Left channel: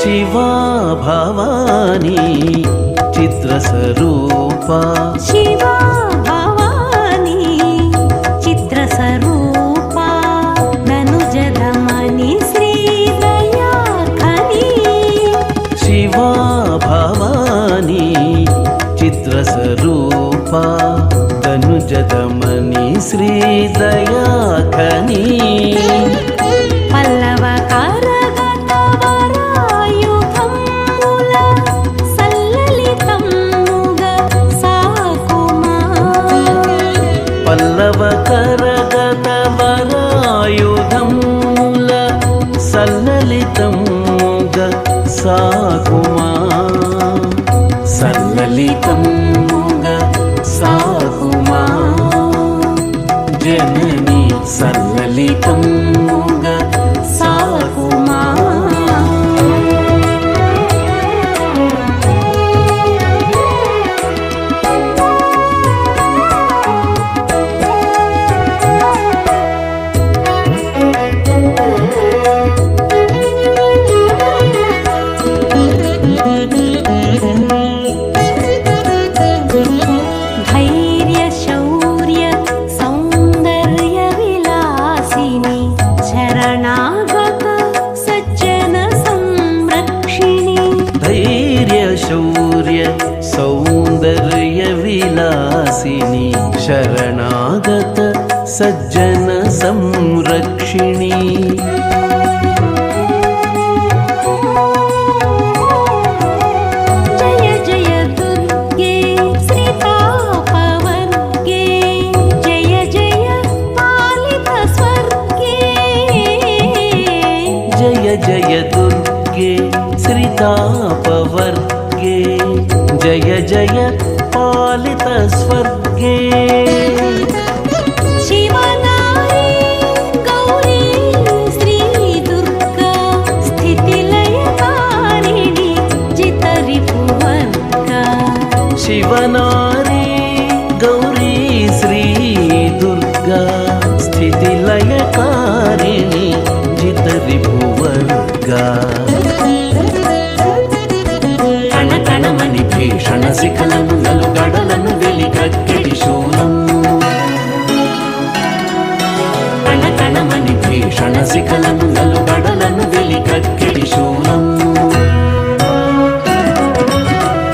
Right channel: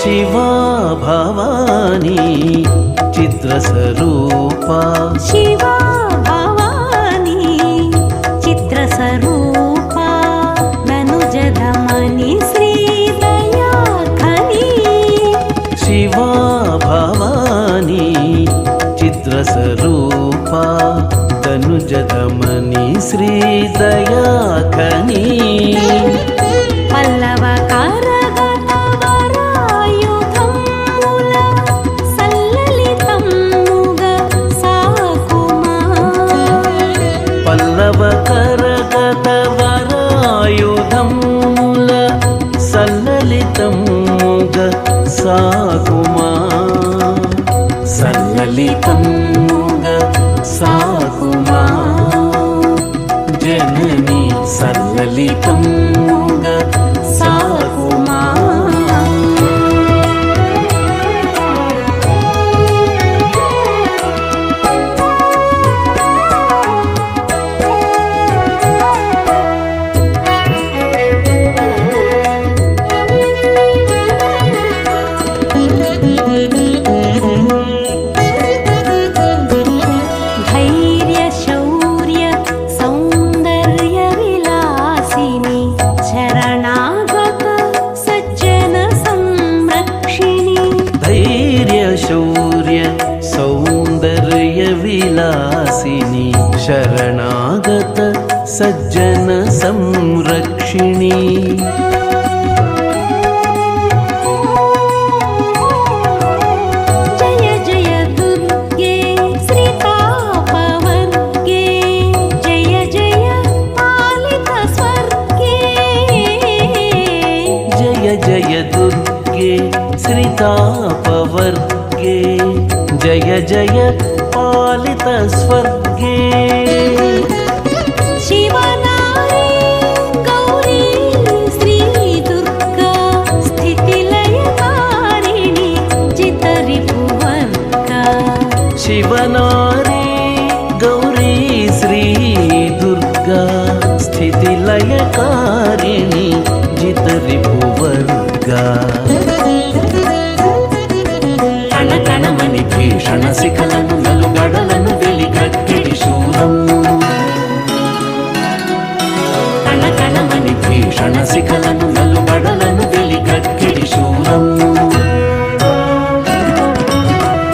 शिवा भवानी चित्रस्वरूपा शिवा भवानी चित्रस्वरूपा धनुजदमनि श्रीदया खनी शिवा भवानी चित्रस्वरूपा धनुजदमनि श्रीदया खनी पल्लव करगत वरायुधम्मुल सल्ललितम्मुग साकुमा पल्लव करगत वरायुधम्मुल सल्ललितम्मुग साकुमा सल्ललितम्मुग साकुमा जननी सल्ललितम्मुग साकुमा धैर्य शौर्य सौंदर्य विलासिनी शरणागत सज्जन संरक्षिणी धैर्य शौर्य सौंदर्य विलासिनी शरणागत सज्जन संरक्षिणी जय जय दुर्गे श्रितापवर्गे जय जय पालित स्वर्गे शिवनारी गौरी श्री दुर्गा स्थितिलयकारिणी जितरिपुवर्गा शिवनारी गौरी श्री दुर्गा स्थितिलयकारिणी जितरिपुवर्गा कणकणमणि भीषण शिखలను నలుగడలను వెలిగక్కెడి శూలము కణకణమణి భీషణ శిఖలను నలుగడలను వెలిగక్కెడి శూలము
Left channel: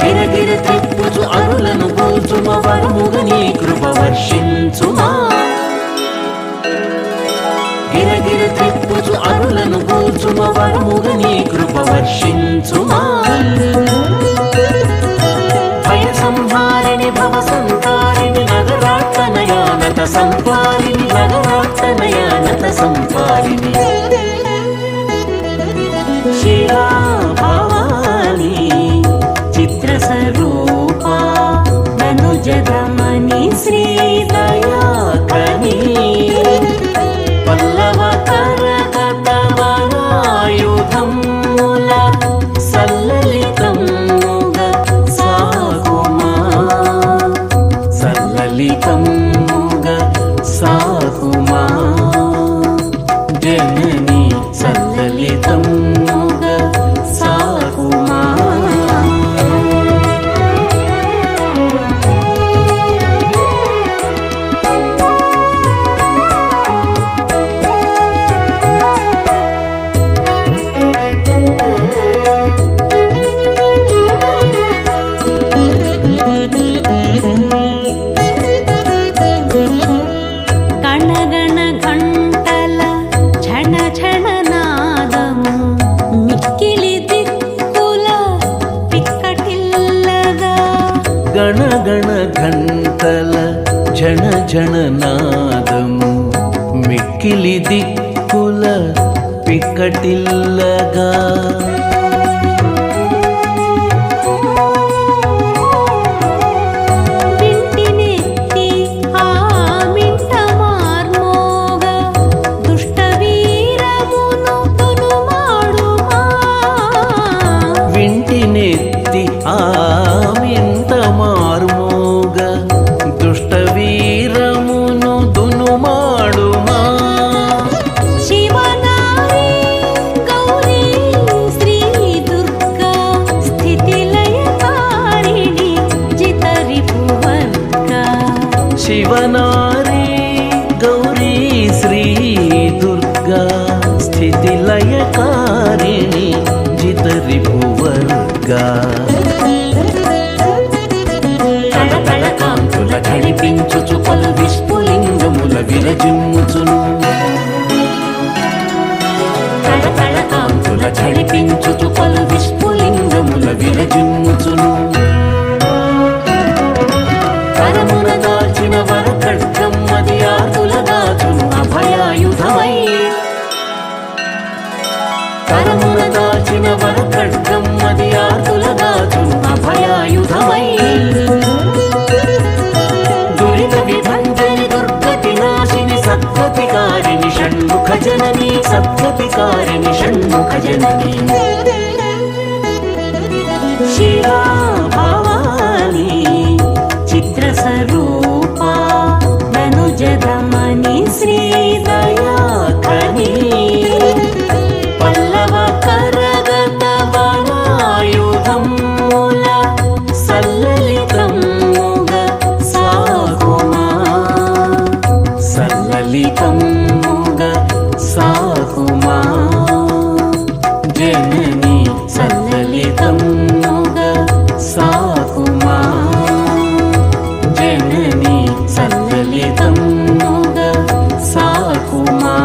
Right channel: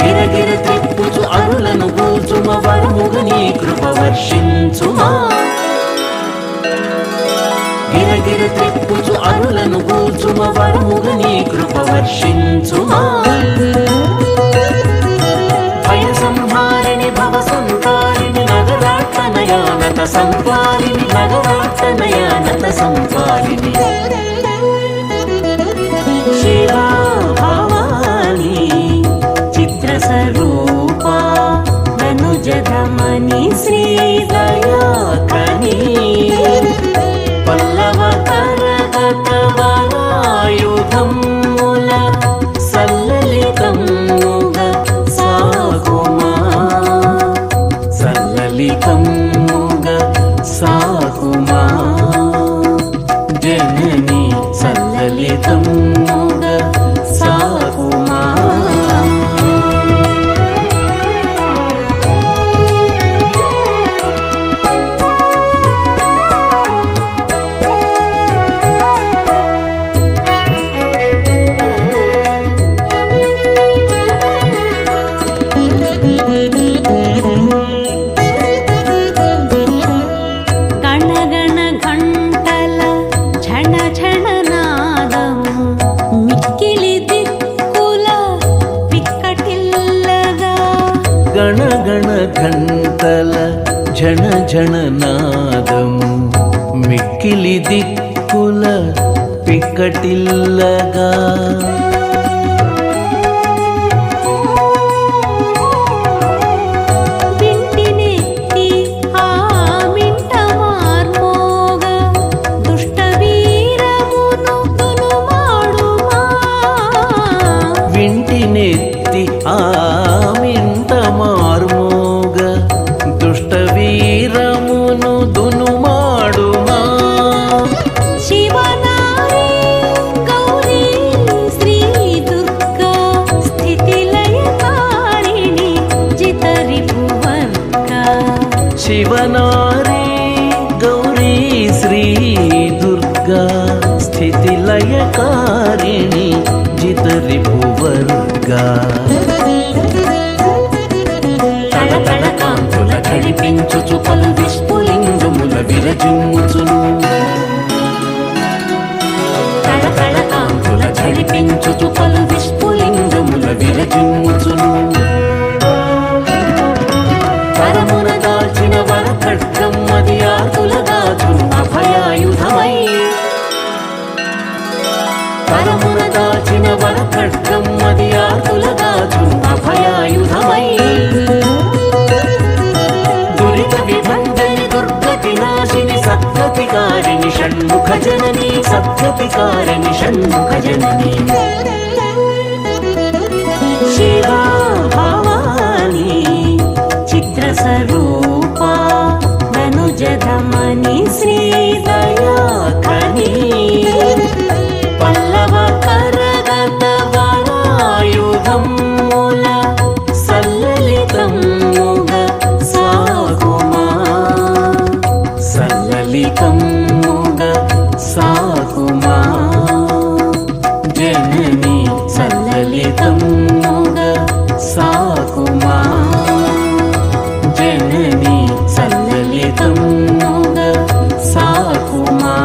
గిరగిర త్రిప్పుచు అరులను కూల్చుమ వరముగ నీ కృప వర్షించుమా గిరగిర త్రిప్పుచు అరులను కూల్చుమ వరముగ నీ కృప వర్షించుమా భయ సంహారిణి భవ సంతారిణి నగరాట్టనయానత సంపాలిని నగరాట్టనయానత సంపాలిని శివా భవానీ चित्रस्वरूपा धनुजदमनि श्रीदया खनी पल्लव करगत वरायुधम्मुल सल्ललितम्मुग साकुमा सल्ललितम्मुग साकुमा जननी सल्ललितम्मुग साकुमा గణగణ ఘంటల ఝణ ఝణ నాదము మిక్కిలి దిక్కుల పిక్కటిల్లగా గణగణ ఘంటల ఝణ ఝణ నాదము మిక్కిలి దిక్కుల పిక్కటిల్లగా నెత్తి ఆమింత మార్మోగ దుష్టవీరమును దునుమాడుమా శివనారి గౌరీ శ్రీ దుర్గా స్థితిలయకారిణి జితరిపువర్గా శివనారి గౌరీ శ్రీ దుర్గా స్థితిలయకారిణి జితరిపువర్గా తళతళ కాంతుల ఝళిపించుచు పలు విస్ఫులింగముల విరజిమ్ముచును తళతళ కాంతుల ఝళిపించుచు పలు విస్ఫులింగముల విరజిమ్ముచును కరమున దాల్చిన వరఖడ్గం అది ఆర్తుల దాచును అభయాయుధమై కరమున దాల్చిన వరఖడ్గం అది ఆర్తుల దాచును అభయాయుధమై దురిత విభంజని దుర్గతి నాశిని సద్గతికారిణి షణ్ముఖ జనని సద్గతికారిణి షణ్ముఖ జనని శివా భవాని చిత్రస్వరూపా ధనుజదమని శ్రీదయాఖని పల్లవ కరగత వరాయుధముల సల్లలితముగ సాకుమా సల్లలితముగ సాకుమా జనని సల్లలితముగ సాకుమా జనని సల్లలితముగ సాకుమా